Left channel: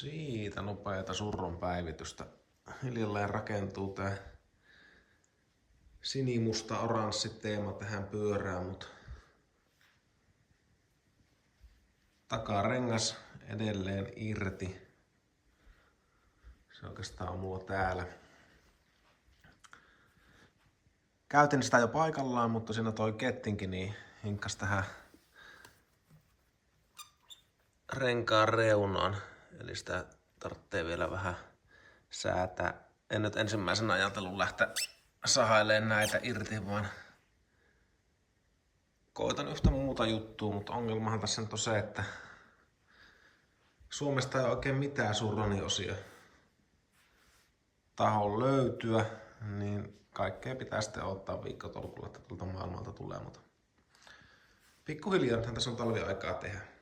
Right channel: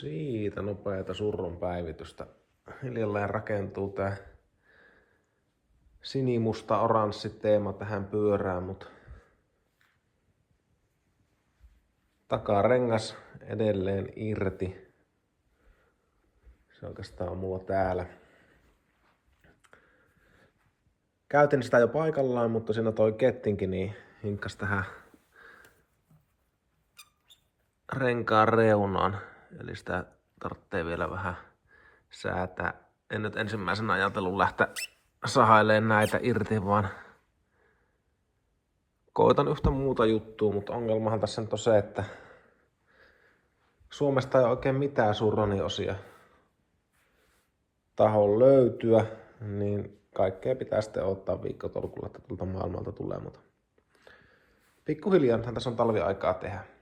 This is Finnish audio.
Siitä nopeata surron päivitystä. Hiljalleen rakentuu tää sinimusta oranssi teema tähän pyörään, mut takarengas edelleen irti. Se oikeastaan on mulla täällä. Käytin sitä jo paikallaan, mutta siinä toi kettinkin niin hinkkas tähän renkaan reunaan. Eli sitä tarvitsee vielä vähän säätää. En nyt ensimmäisenä ajatellut lähteä sahailemaan näitä irti, vaan koitan yhtä muuta juttua, mutta ongelmahan tässä nyt on se, että Suomesta ei oikein mitään surroniosia tahon löytyä, niin kaikkea pitää sitten odottaa viikkotolkulla, että tuolta maailmalta tulee, mutta pikkuhiljaa tässä on talviaikaa tehdä.